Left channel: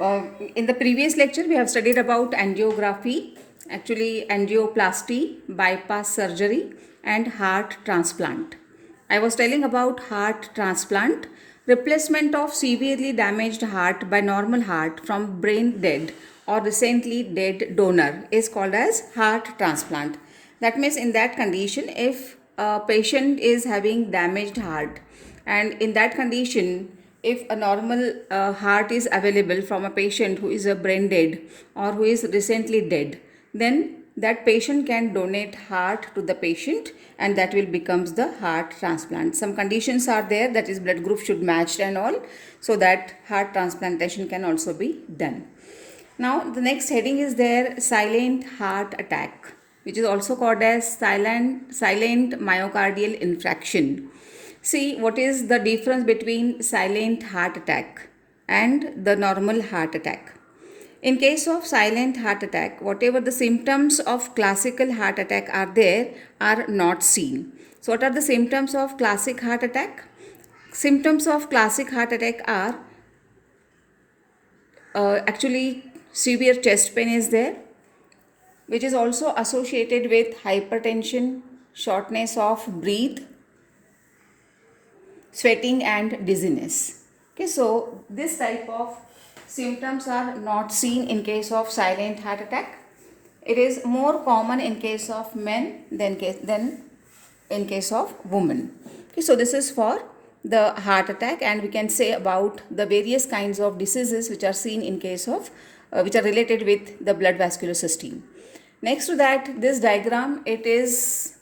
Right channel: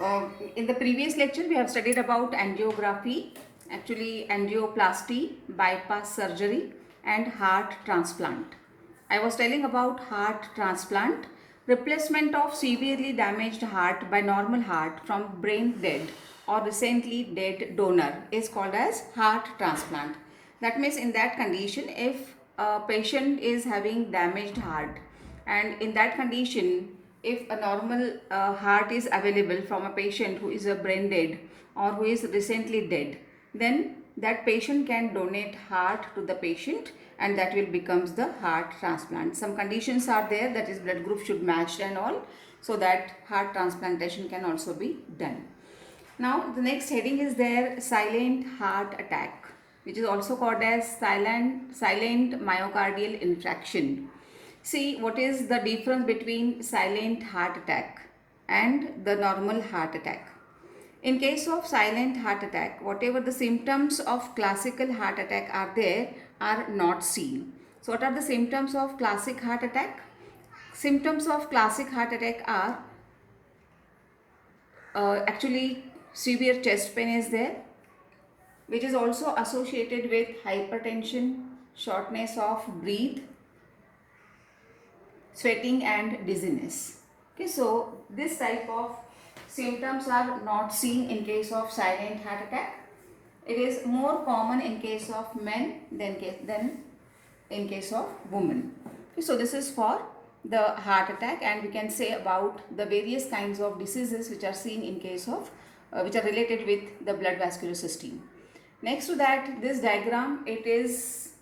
In the previous lecture, we have studied about angiography, actually angioplasty, bypass surgery, and heart transplant. I was telling about heart transplant, replacement of severely damaged heart by normal heart from brain dead or recently dead donor is called as heart transplant. That means in that condition, if a patient is having damaged heart, and in that condition, if a normal heart is available from a patient who is a brain dead or who is recently dead, then that patient can donate heart to the patient, and that will becomes the heart transplant. Some conditions are there, that is blood group should match and all, so that heart transplantation can also be done. Now the next heading is there, silent heart attack, which is also called as silent myocardial infarction. See, what is the difference between silent heart attack and the normal heart attack? In case of silent heart attack, whatever the symptoms of classical heart attack are there are not seen. So what are the symptoms of classic heart attack? Symptoms of classic heart attack are actually severe chest pain is there, which is also associated with hypertension, shortness of breath, sweating and dizziness. Okay, so this type of symptoms are not seen in case of silent heart attack. It is more common in case of men than in case of women. Okay, so this is for the heart attack, and we can say about the various kinds of diseases which are seen in case of which are related with the blood vascular system. Next to that, this diagram, it is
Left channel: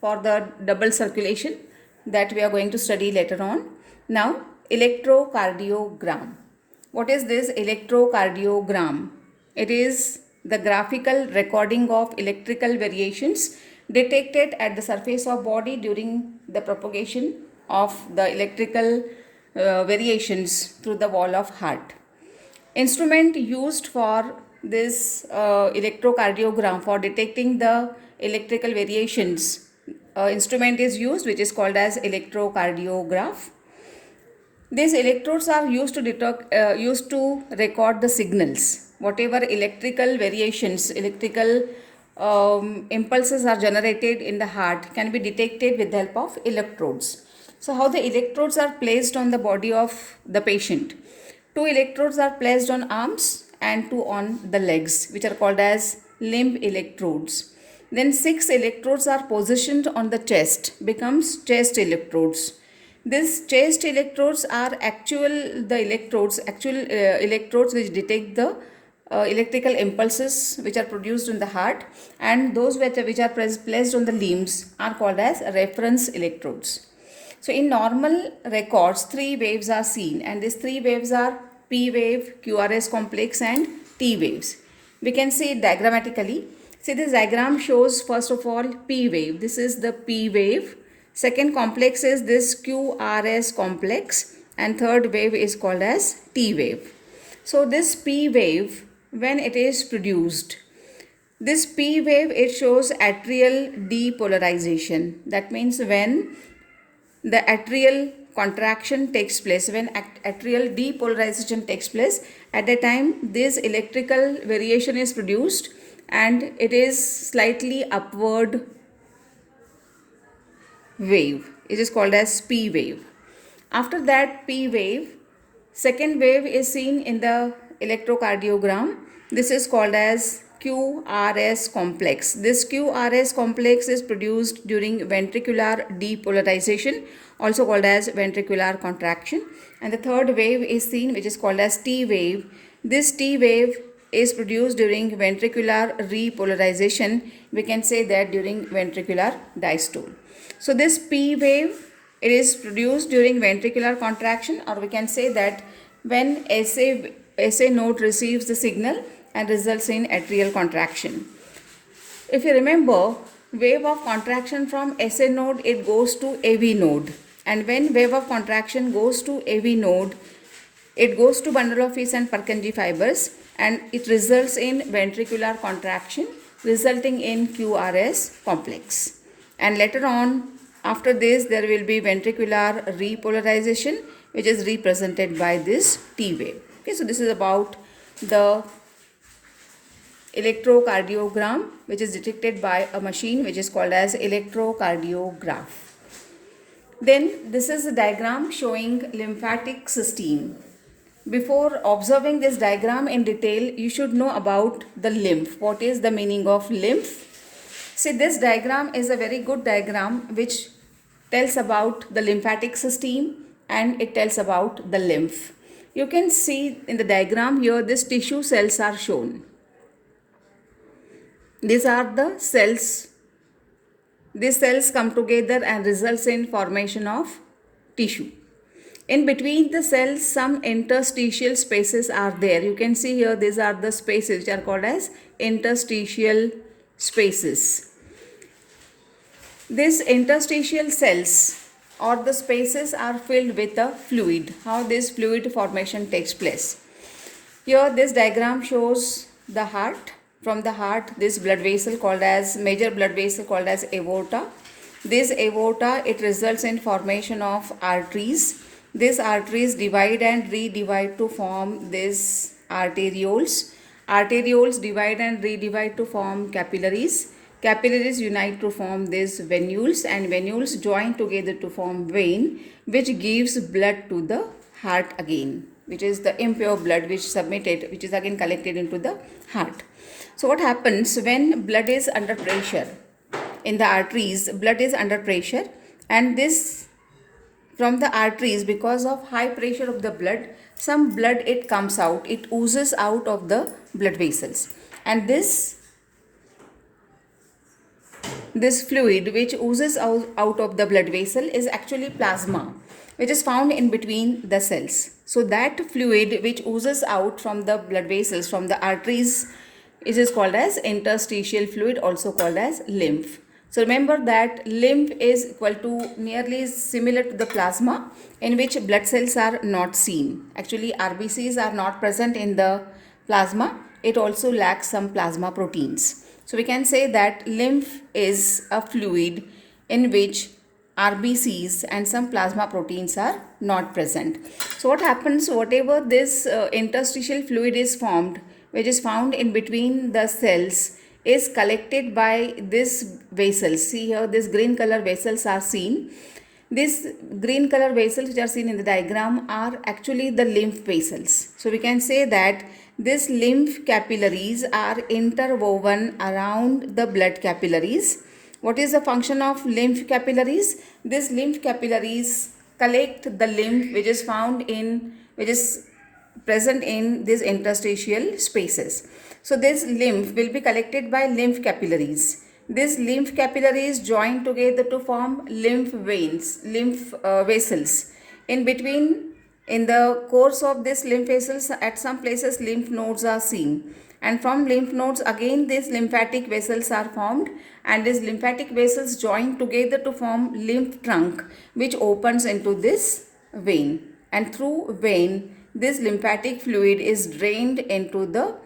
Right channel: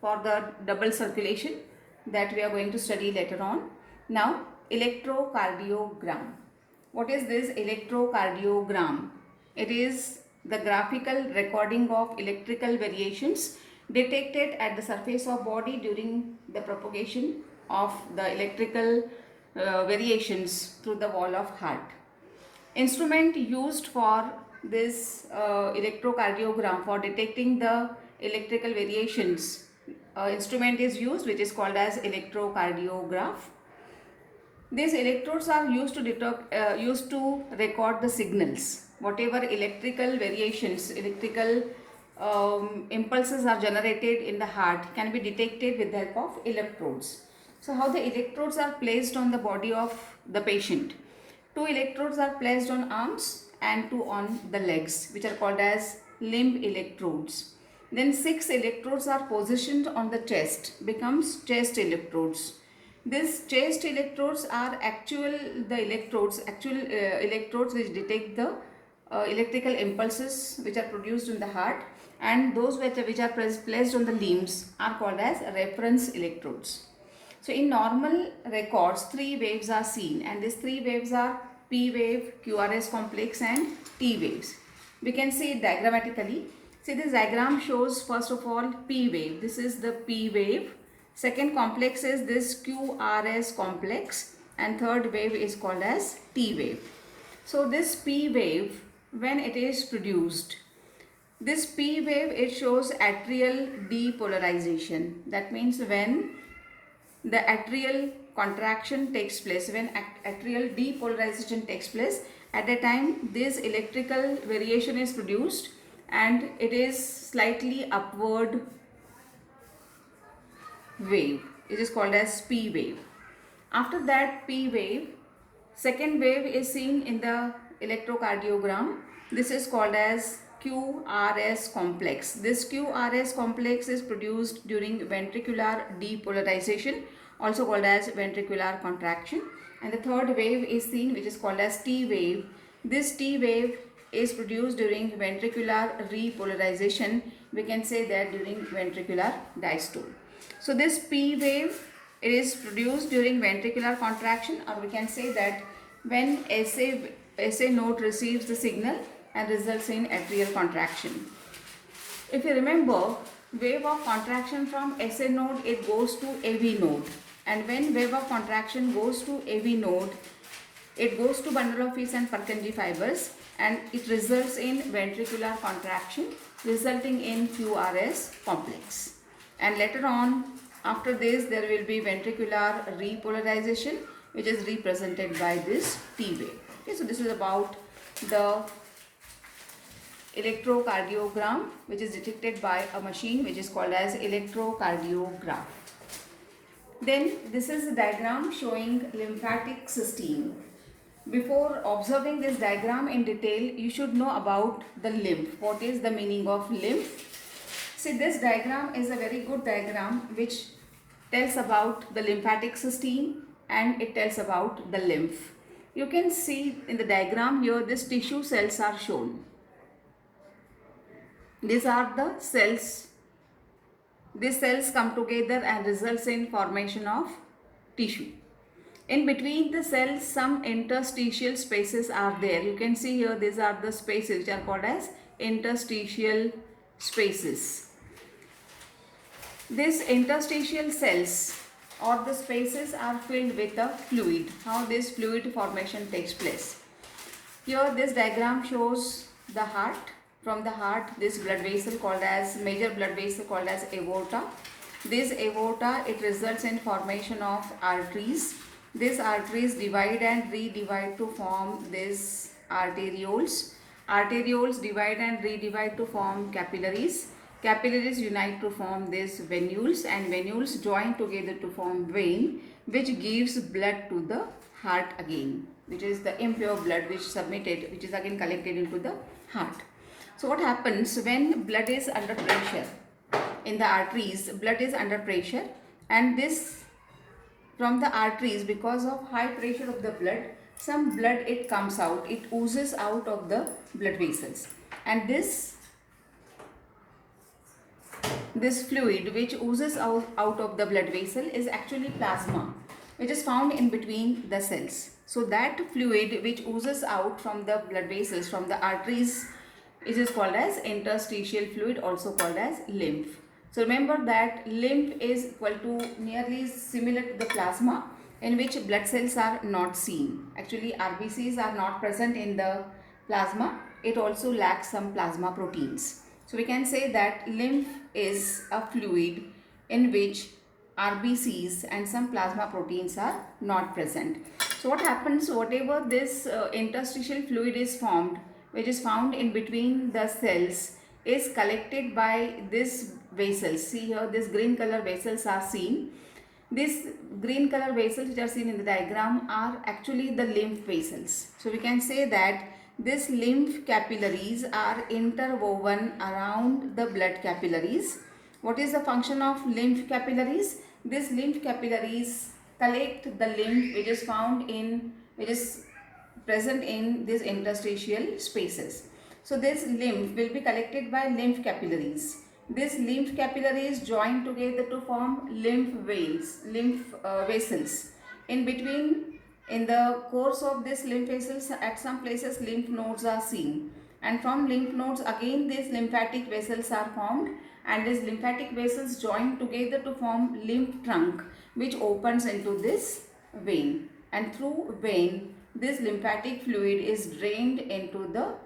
for the double circulation that we are going to study later on. Now, electrocardiogram. What is this electrocardiogram? It is the graphical recording of electrical variations detected at the surface of body during the propagation of the electrical variations through the wall of heart. Instrument used for this electrocardiogram for detecting the electrical variations, instrument is used which is called as electrocardiograph. These electrodes are used to record the signals. Whatever electrical variations, electrical impulses are generated in the heart can be detected with the help of electrodes. So how the electrodes are placed on the body of the patient? Two electrodes are placed on arms and two on the legs, which are called as limb electrodes. Then 6 electrodes are positioned on the chest, becomes chest electrodes. These chest electrodes are actual electrodes which detect the electrical impulses which are produced in the heart, and those which are placed on the limbs are called as reference electrodes. So in normal records, 3 waves are seen, and these 3 waves are P wave, QRS complex and T waves. We can see it diagrammatically. See, this diagram shows first of all P wave. This is the P wave. Second complex is this QRS complex, and third wave is called as T wave. So this P wave, when it is produced, this P wave, it shows atrial depolarization. That means when the atrial contraction takes place, when atrial depolarization takes place, at the time this electrical variation is produced and it is slightly upward wave. It is called as P wave. After that P wave, second wave is seen in the electrocardiogram. This is called as QRS complex. This QRS complex is produced during ventricular depolarization, also called as ventricular contraction. And the third wave is seen, which is called as T wave. This T wave is produced during ventricular repolarization. We can say that during ventricular diastole. So this P wave, it is produced during ventricular contraction, or we can say that when SA node receives the signal and results in atrial contraction. If you remember, wave of contraction from SA node, it goes to AV node, and when wave of contraction goes to AV node, it goes to bundle of His and Purkinje fibers, and it results in ventricular contraction resulting in QRS complex. And later on, after this, there will be ventricular repolarization, which is represented by this T wave. Okay, so this is about the electrocardiogram, which is detected by a machine which is called as electrocardiograph. Then this is a diagram showing lymphatic system. Before observing this diagram in detail, you should know about the lymph. What is the meaning of lymph? See, this diagram is a very good diagram which tells about the lymphatic system and it tells about the lymph. You can see in the diagram here, these tissue cells are shown. These are the cells. These cells come together and results in formation of tissue. In between the cells, some interstitial spaces are there. You can see here, these are the spaces which are called as interstitial spaces. These interstitial cells or the spaces are filled with a fluid. How this fluid formation takes place. Here this diagram shows the heart. From the heart, this blood vessel called as major blood vessel called as aorta. This aorta, it results in formation of arteries. These arteries divide and redivide to form these arterioles. Arterioles divide and redivide to form capillaries. Capillaries unite to form these venules, and venules join together to form vein, which gives blood to the heart again, which is the impure blood which submitted, which is again collected into the heart. So what happens when blood is under pressure? In the arteries, blood is under pressure, and this from the arteries, because of high pressure of the blood, some blood it comes out, it oozes out of the blood vessels, and this fluid which oozes out of the blood vessel is actually plasma, which is found in between the cells. So that fluid which oozes out from the blood vessels, from the arteries, it is called as interstitial fluid, also called as lymph. So remember that lymph is equal to nearly similar to the plasma, in which blood cells are not seen. Actually, RBCs are not present in the plasma. It also lacks some plasma proteins. So we can say that lymph is a fluid in which RBCs and some plasma proteins are not present. So what happens, whatever this interstitial fluid is formed, which is found in between the cells, is collected by these vessels. See here, these green color vessels are seen. These green color vessels which are seen in the diagram are actually the lymph vessels. So we can say that these lymph capillaries are interwoven around the blood capillaries. What is the function of lymph capillaries? These lymph capillaries collect the lymph which is found in, which is present in these interstitial spaces. So this lymph will be collected by lymph capillaries. These lymph capillaries join together to form lymph veins, lymph vessels. In between, in the course of this lymph vessels, at some places lymph nodes are seen. And from lymph nodes again these lymphatic vessels are formed, and these lymphatic vessels join together to form lymph trunk, which opens into this vein. And through vein, this lymphatic fluid is drained into the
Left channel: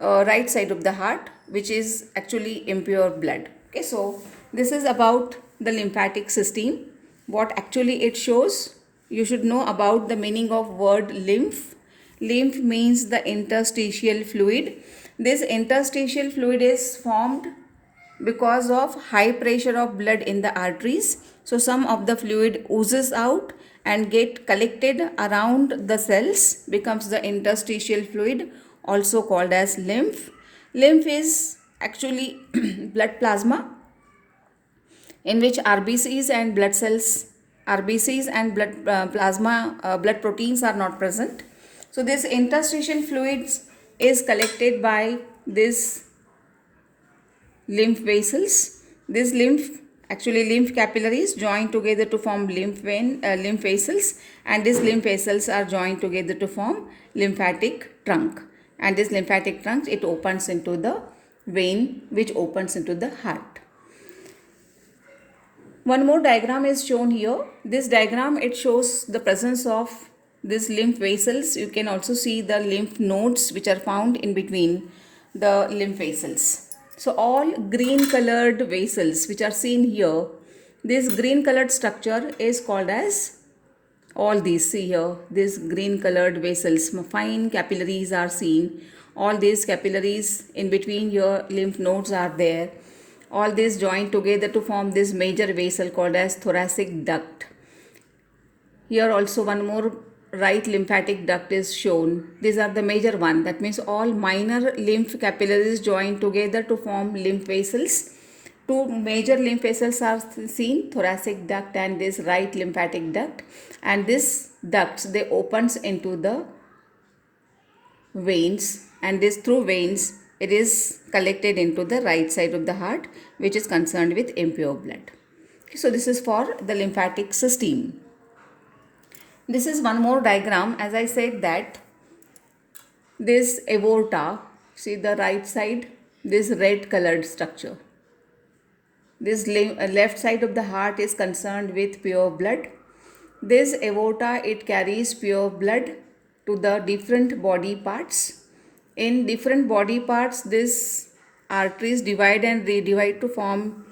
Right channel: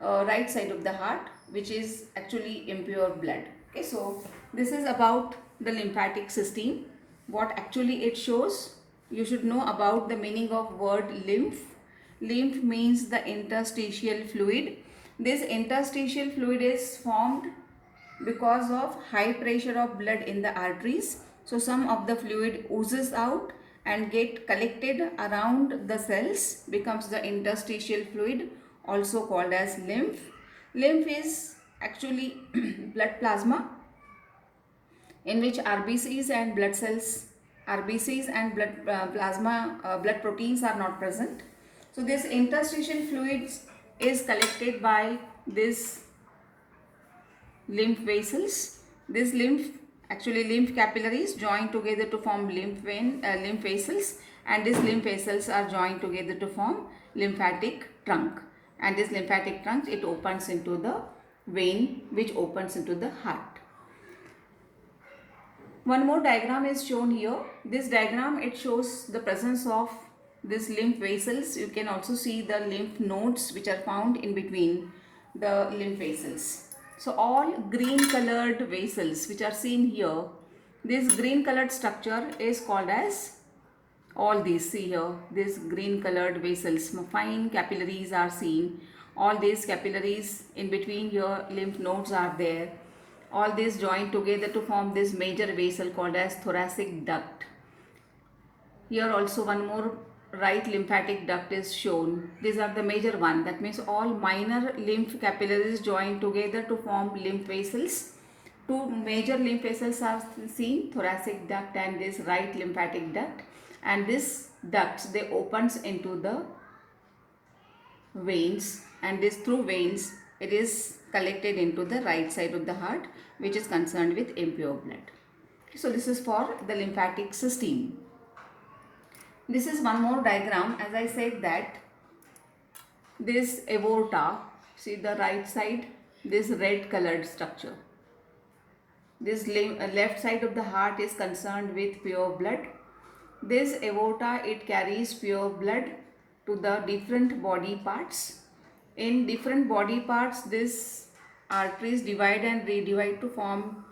right side of the heart, which is actually impure blood. Okay, so this is about the lymphatic system. What actually it shows, you should know about the meaning of word lymph. Lymph means the interstitial fluid. This interstitial fluid is formed because of high pressure of blood in the arteries. So some of the fluid oozes out and get collected around the cells, becomes the interstitial fluid, also called as lymph. Lymph is actually blood plasma in which RBCs and blood cells, RBCs and blood proteins are not present. So this interstitial fluids is collected by this lymph vessels. This lymph, actually lymph capillaries join together to form lymph vessels, and these lymph vessels are joined together to form lymphatic trunk, and this lymphatic trunk, it opens into the vein which opens into the heart. One more diagram is shown here. This diagram, it shows the presence of these lymph vessels. You can also see the lymph nodes which are found in between the lymph vessels. So all green colored vessels which are seen here, this green colored structure is called as All these, see here, these green colored vessels, fine capillaries are seen. All these capillaries in between your lymph nodes are there. All these join together to form this major vessel called as thoracic duct. Here also one more right lymphatic duct is shown. These are the major one. That means all minor lymph capillaries join together to form lymph vessels. Two major lymph vessels are seen, thoracic duct and this right lymphatic duct. And this ducts, they opens into the veins, and this through veins it is collected into the right side of the heart, which is concerned with impure blood. So this is for the lymphatic system. This is one more diagram. As I said that this aorta, see the right side, this red colored structure. This left side of the heart is concerned with pure blood. This aorta, it carries pure blood to the different body parts. In different body parts, these arteries divide and redivide to form